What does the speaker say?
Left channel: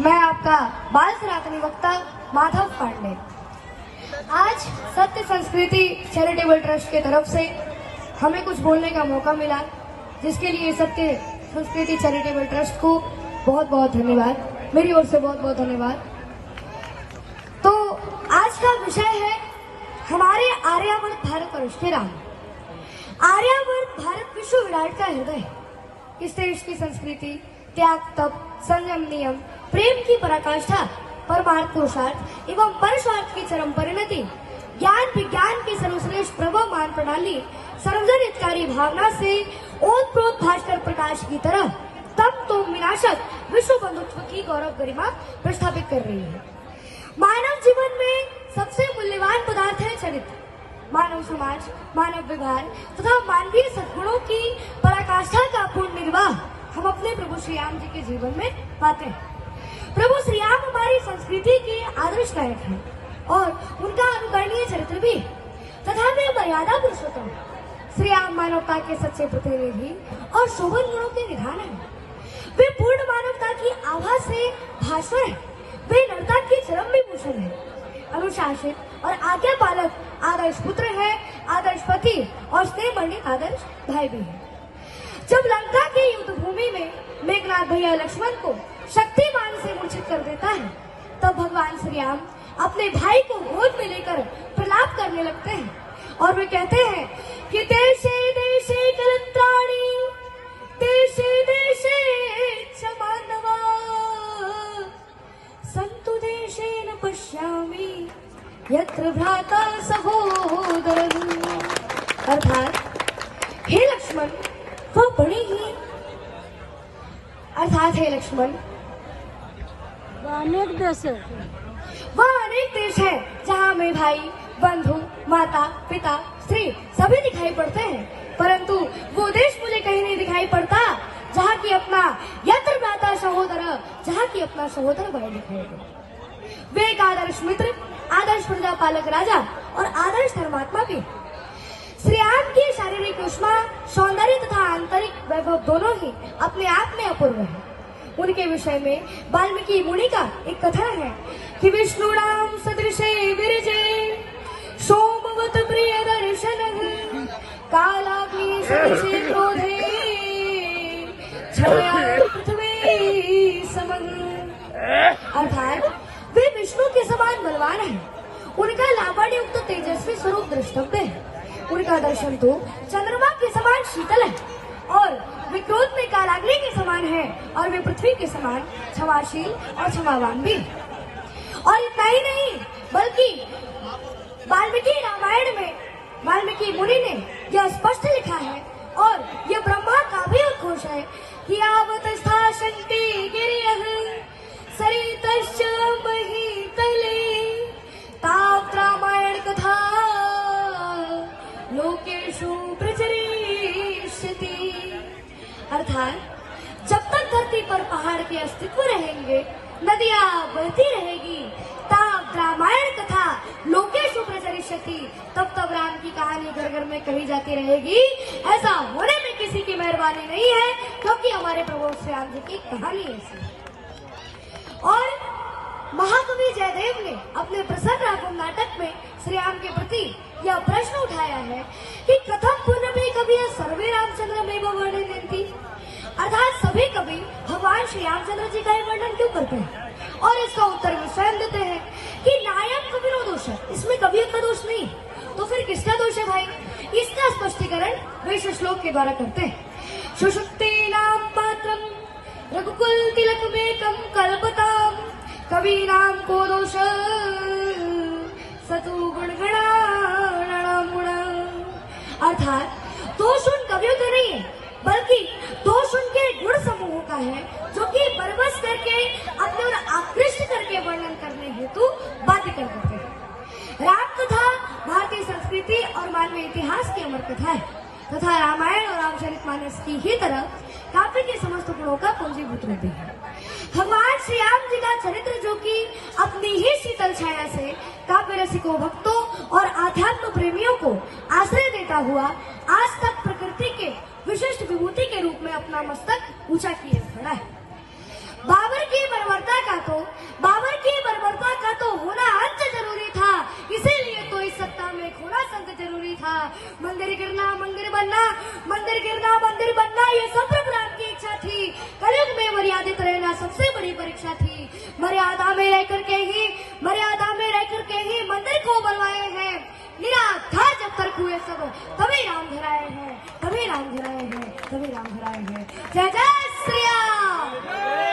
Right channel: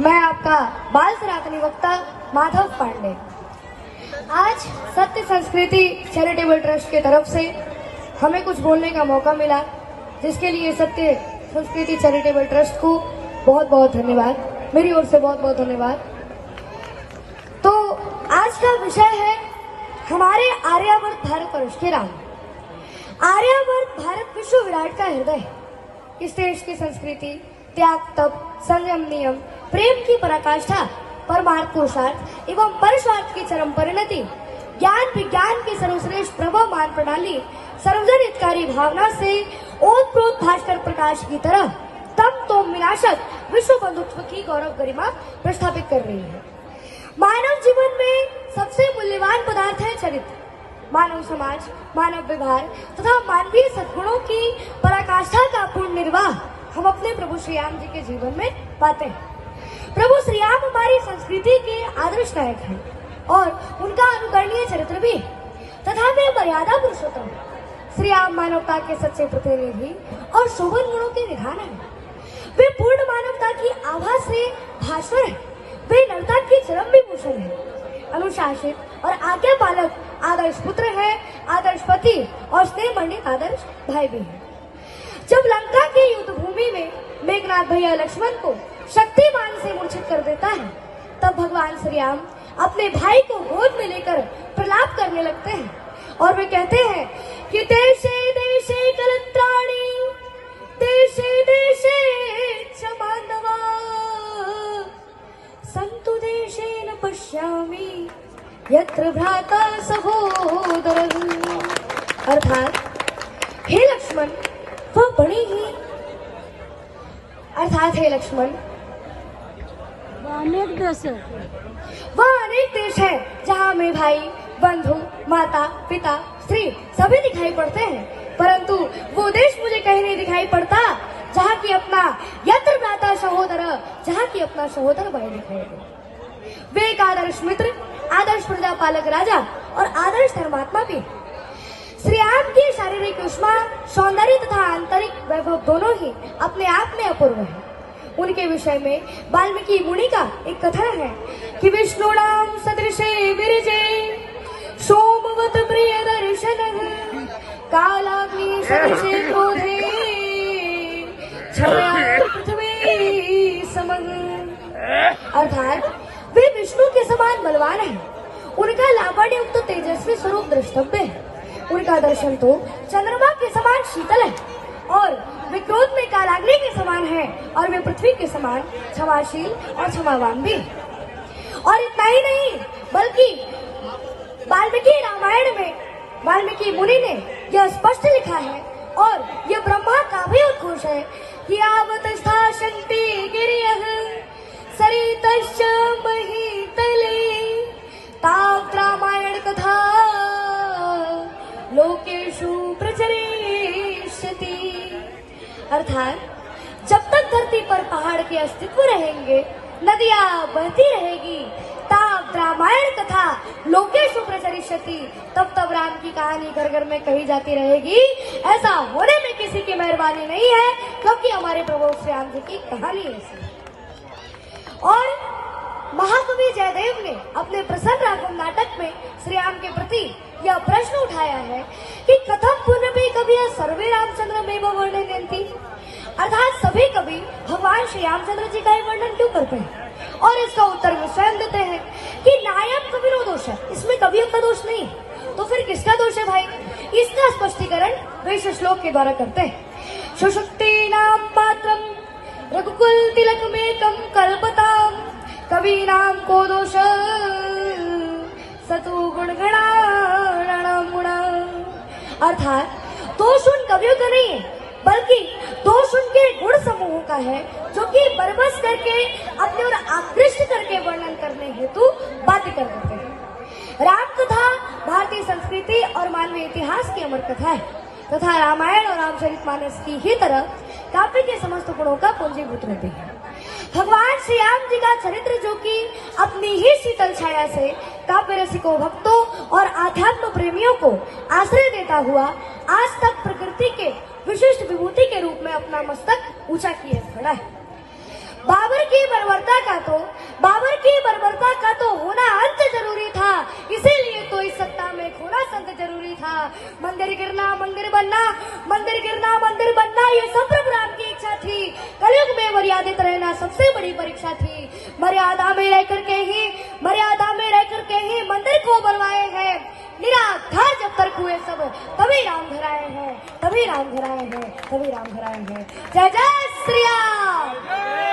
मैं आपका बाल सनातनी वक्ता माधव पांडे। आज सत्य संस्कृति चैरिटेबल ट्रस्ट की तरफ से हमें कुछ बोलने का मौका मिला, जिसके लिए सत्य संस्कृति चैरिटेबल ट्रस्ट को बहुत बहुत धन्यवाद, मेरी ओर से बहुत बहुत धन्यवाद। तो आज का विषय है हमारे आर्यावर्त भारत वर्ष के राम। आर्यावर्त भारत विश्व विराट का हृदय। इस देश की संस्कृति त्याग, तप, संयम, नियम, प्रेम की पराकाष्ठा, परमार्थ पुरुषार्थ एवं परस्वार्थ की चरम परिणति, ज्ञान विज्ञान की सर्वश्रेष्ठ प्रभवमान प्रणाली, सर्वजन हितकारी भावना से ओतप्रोत भास्कर प्रकाश की तरह तम तो विनाशक विश्व बंधुत्व की गौरव गरिमा प्रस्थापित कर रही है। मानव जीवन में सबसे मूल्यवान पदार्थ है चरित्र। मानव समाज, मानव व्यवहार तथा मानवीय सद्गुणों की पराकाष्ठा का पूर्ण निर्वाह हम अपने प्रभु श्री राम जी के जीवन में पाते हैं। प्रभु श्री राम हमारी संस्कृति के आदर्श नायक हैं और उनका अनुकरणीय चरित्र भी तथा वे मर्यादा पुरुषोत्तम। श्री राम मानवता के सच्चे प्रतिनिधि और शोभन गुणों के निधान हैं। वे पूर्ण मानवता की आभा से भास्वर हैं। वे नरता की चरम विभूषण है, अनुशासित और आज्ञा पालक आदर्श पुत्र है, आदर्श पति और स्नेह मंडित आदर्श भाई भी है। जब लंका के युद्ध भूमि में मेघनाथ भैया लक्ष्मण को शक्तिमान से मूर्छित कर देता है, तब भगवान श्री राम अपने भाई को गोद में लेकर प्रलाप करने लगते हैं और वे कहते हैं कि देशे देशे कलत्राणि, देशे देशे च बांधवा, संतु देशेन पश्यामि यत्र भ्राता सहोदरः। अर्थात हे लक्ष्मण, वह बढ़ेगी। अर्थात हे लक्ष्मण, वह अनेक देश है जहाँ में भाई, बंधु, माता, पिता, स्त्री सभी दिखाई पड़ते हैं, परंतु वो देश मुझे कहीं नहीं दिखाई पड़ता जहाँ की अपना यत्र भ्राता सहोदर, जहाँ की अपना सहोदर भाई दिखाई दे। वे एक आदर्श मित्र, आदर्श प्रजा पालक राजा और आदर्श धर्मात्मा भी। श्री राम की शारीरिक उष्मा, सौंदर्य तथा आंतरिक वैभव दोनों ही अपने आप में अपूर्व है। उनके विषय में वाल्मीकि मुनि का एक कथन है कि विष्णुनाम सदृशे विरजे सोमवत प्रिय दर्शनः, कालाग्नि सदृशे क्रोधे छाया पृथ्वी समः। अर्थात वे विष्णु के समान बलवान हैं। उनका लावण्ययुक्त तेजस्वी स्वरूप द्रष्टव्य है। उनका दर्शन तो चंद्रमा के समान शीतल है और वे क्रोध में कालाग्नि के समान है और वे पृथ्वी के समान क्षमाशील और क्षमावान भी। और इतना ही नहीं, बल्कि वाल्मीकि रामायण में वाल्मीकि मुनि ने यह स्पष्ट लिखा है और यह ब्रह्मा का भी उद्घोष है कि आवतस्था शक्ति गिरियः सरितश्च महीतले तावत् रामायण कथा लोकेषु प्रचरिष्यति। अर्थात जब तक धरती पर पहाड़ के अस्तित्व रहेंगे, नदियां बहती रहेगी, तावत् रामायण कथा लोकेषु प्रचरिष्यति, तब तब राम की कहानी घर घर में कही जाती रहेगी। ऐसा होने में किसी की मेहरबानी नहीं है, क्योंकि हमारे प्रभु श्री राम जी की कहानी ऐसी है। और महाकवि जयदेव ने अपने प्रसन्न राघव नाटक में श्री राम के प्रति यह प्रश्न उठाया है कि कथम पुनः कवि सर्वे रामचंद्र में वर्णयन्ति। अर्थात सभी कवि भगवान श्री रामचंद्र जी का ही वर्णन क्यों करते हैं? और इसका उत्तर वे स्वयं देते हैं कि नायम कविरो दोष है, इसमें कवियों का दोष नहीं है। तो फिर किसका दोष है भाई? इसका स्पष्टीकरण वे इस श्लोक के द्वारा करते हैं। सुषुप्ति नाम पात्रम रघुकुल तिलक में कम कल्पताम, कवि नाम को दोष सतु गुण गणाणाम गुण। अर्थात दोष उन कवियों का नहीं है, बल्कि दोष उनके गुण समूह का है, जो कि बरबस करके अपने और आकृष्ट करके वर्णन करने हेतु बातें कर देते हैं। राम कथा भारतीय संस्कृति और मानवीय इतिहास की अमर कथा है तथा रामायण और रामचरितमानस की ही तरह काव्य के समस्त गुणों का पूंजीभूत रूप है। भगवान श्री राम जी का चरित्र, जो कि अपनी ही शीतल छाया से काव्य रसिकों, भक्तों और आध्यात्म प्रेमियों को आश्रय देता हुआ आज तक प्रकृति के विशिष्ट विभूति के रूप में अपना मस्तक ऊंचा किए खड़ा है। बाबर की बर्बरता का तो बाबर की बर्बरता का तो होना अंत जरूरी था, इसीलिए तो इस सत्ता में खोना संत जरूरी था। मंदिर गिरना मंदिर बनना, मंदिर गिरना मंदिर बनना, ये सब प्रभु राम की इच्छा थी। कलयुग में मर्यादित रहना सबसे बड़ी परीक्षा थी। मर्यादा में रह करके ही मंदिर को बनवाए हैं। निराधार जब तक हुए सब तभी राम घर आए हैं, तभी राम घर आए हैं, तभी राम घर आए हैं। जय जय श्री राम।